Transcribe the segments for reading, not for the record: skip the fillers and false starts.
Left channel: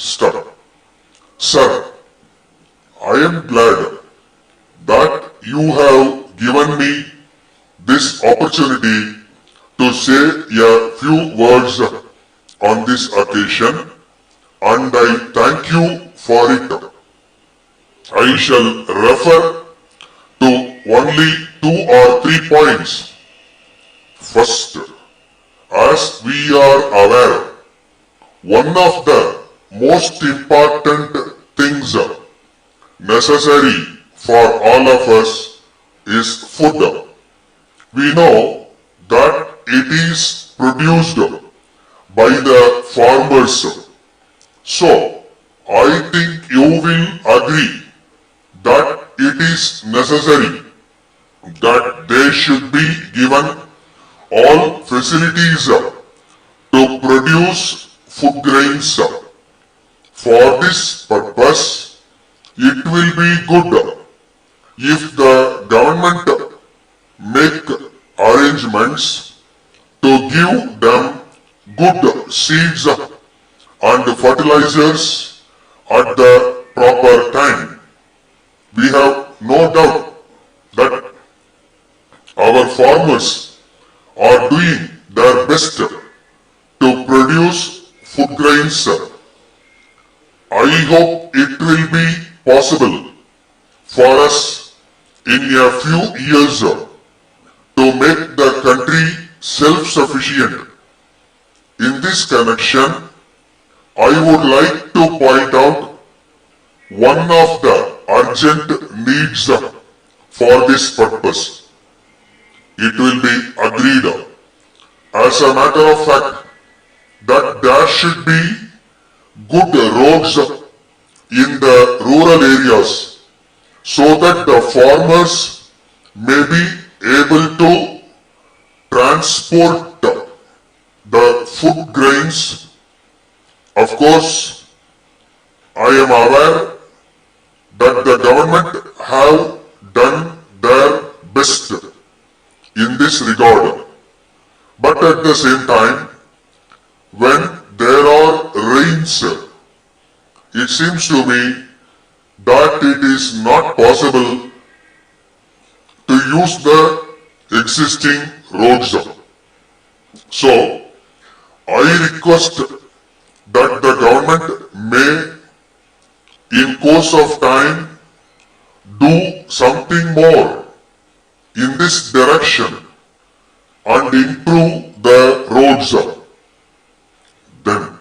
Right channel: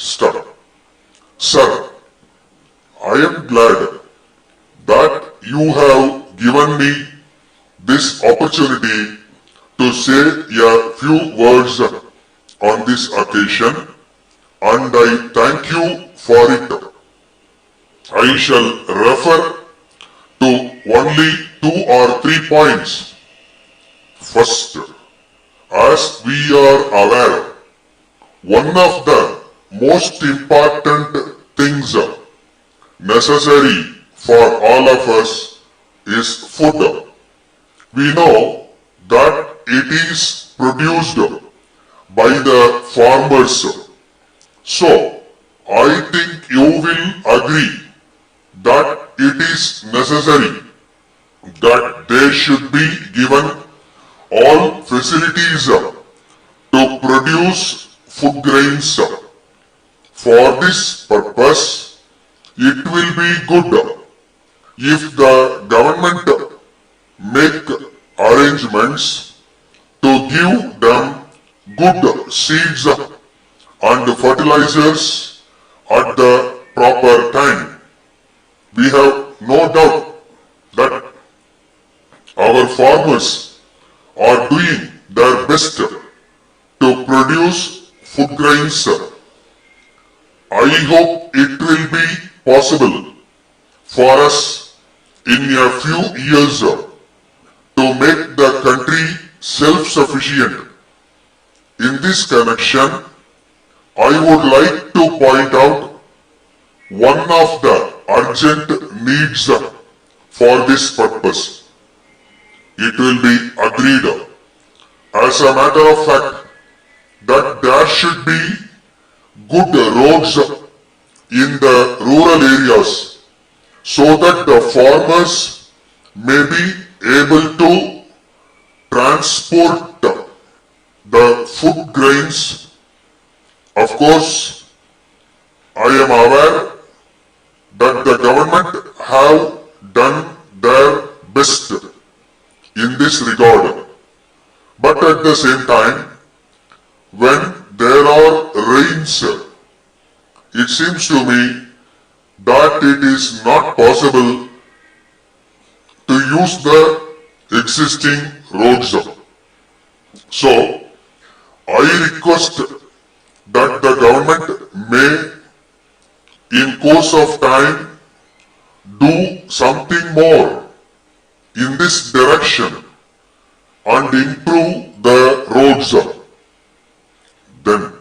start. Sir, I am glad that you have given me this opportunity to say a few words on this occasion, and I thank you for it. I shall refer to only 2 or 3 points. First, as we are aware, one of the most important things necessary for all of us is food. We know that it is produced by the farmers. So, I think you will agree that it is necessary that they should be given all facilities to produce food grains. For this purpose, it will be good if the government make arrangements to give them good seeds and fertilizers at the proper time. We have no doubt that our farmers are doing their best to produce food grains. I hope it will be possible for us in a few years to make the country self-sufficient. In this connection, I would like to point out one of the urgent needs for this purpose. It will be agreed as a matter of fact that there should be good roads in the rural areas so that the farmers may be able to transport the food grains. Of course, I am aware that the government have done their best in this regard. But at the same time, when there are rains, it seems to me that it is not possible to use the existing roads. So, I request that the government may, in course of time, do something more in this direction and improve the roads. Then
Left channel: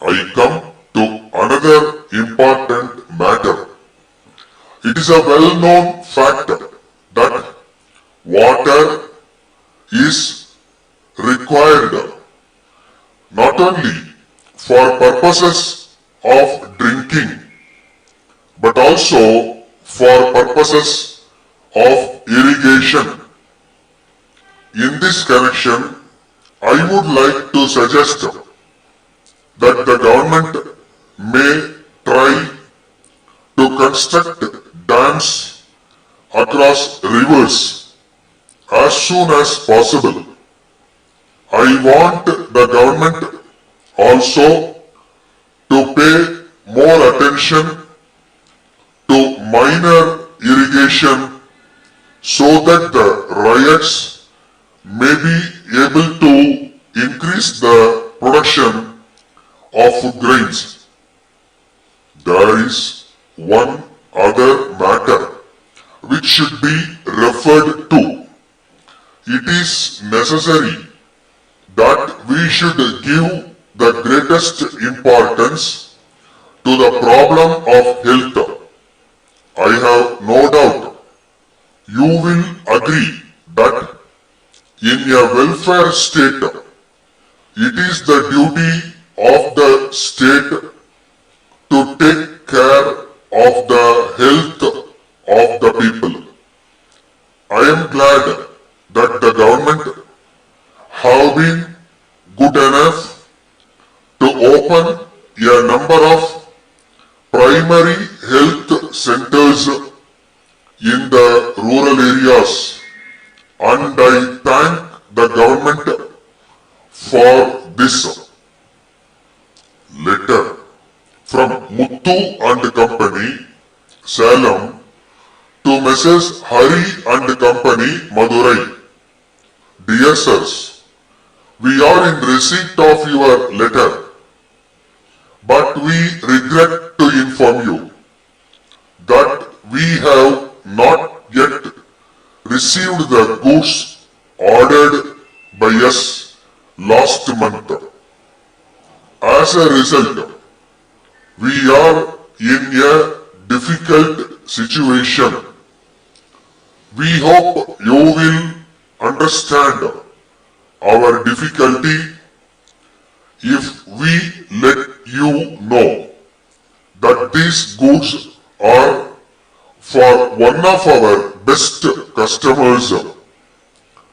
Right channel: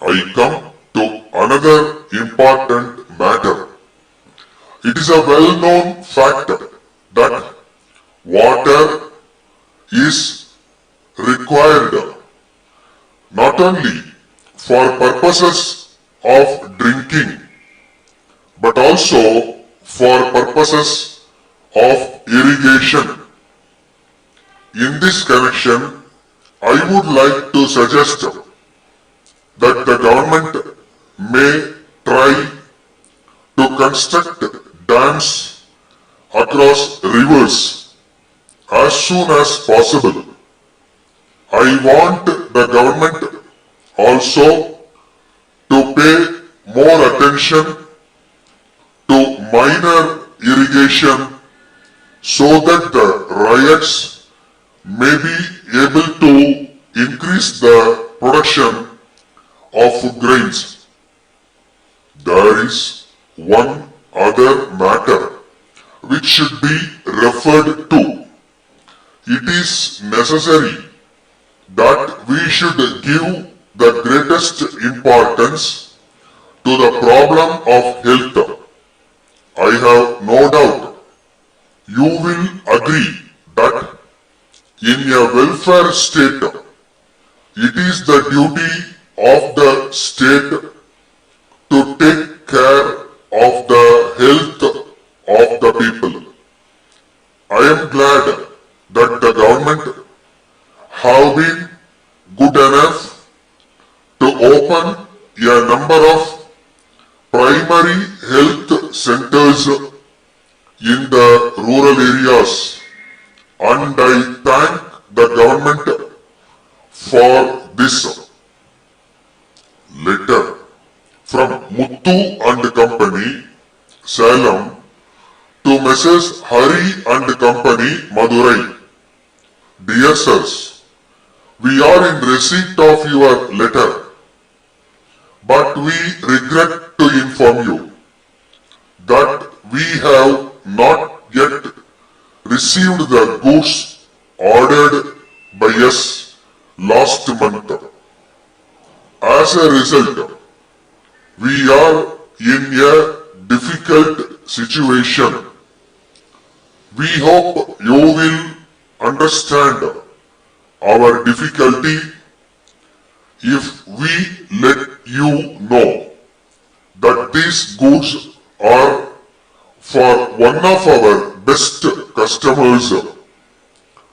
I come to another important matter. It is a well-known fact that water is required not only for purposes of drinking but also for purposes of irrigation. In this connection, I would like to suggest that the government may try to construct dams across rivers as soon as possible. I want the government also to pay more attention to minor irrigation so that the ryots may be able to increase the production of food grains. There is one other matter which should be referred to. It is necessary that we should give the greatest importance to the problem of health. I have no doubt you will agree that in a welfare state, it is the duty of the state to take care of the health of the people. I am glad that the government have been good enough to open a number of primary health centers in the rural areas, and I thank the government for this. Later, from Muthu and Company, Salem, to Messrs. Hari and Company, Madurai. Dear sirs, we are in receipt of your letter, but we regret to inform you that we have not yet received the goods ordered by us last month. As a result, we are in a difficult situation. We hope you will understand our difficulty if we let you know that these goods are for one of our best customers.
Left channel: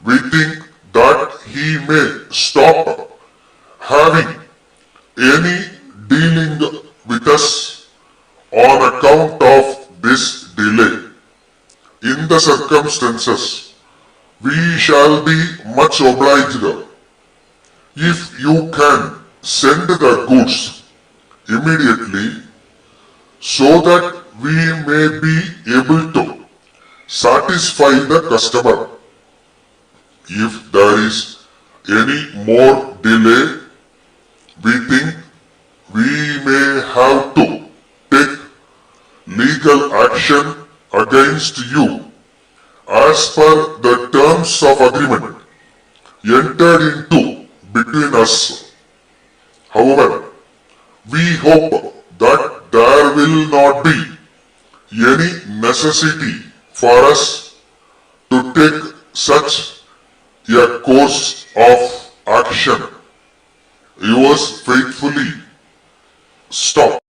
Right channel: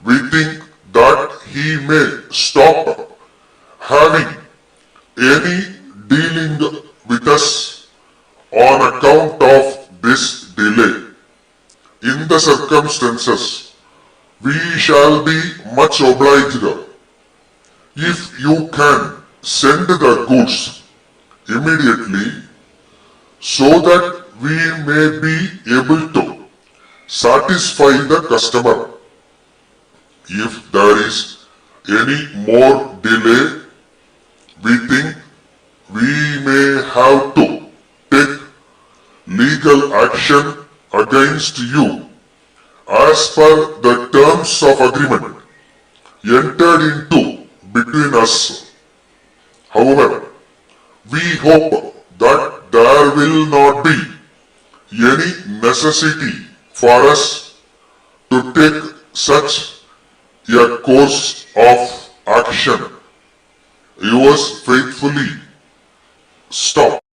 We think that he may stop having any dealing with us on account of this delay. In the circumstances, we shall be much obliged if you can send the goods immediately so that we may be able to satisfy the customer. If there is any more delay, we think we may have to take legal action against you as per the terms of agreement entered into between us. However, we hope that there will not be any necessity for us to take such a course of action. Yours faithfully, Stop.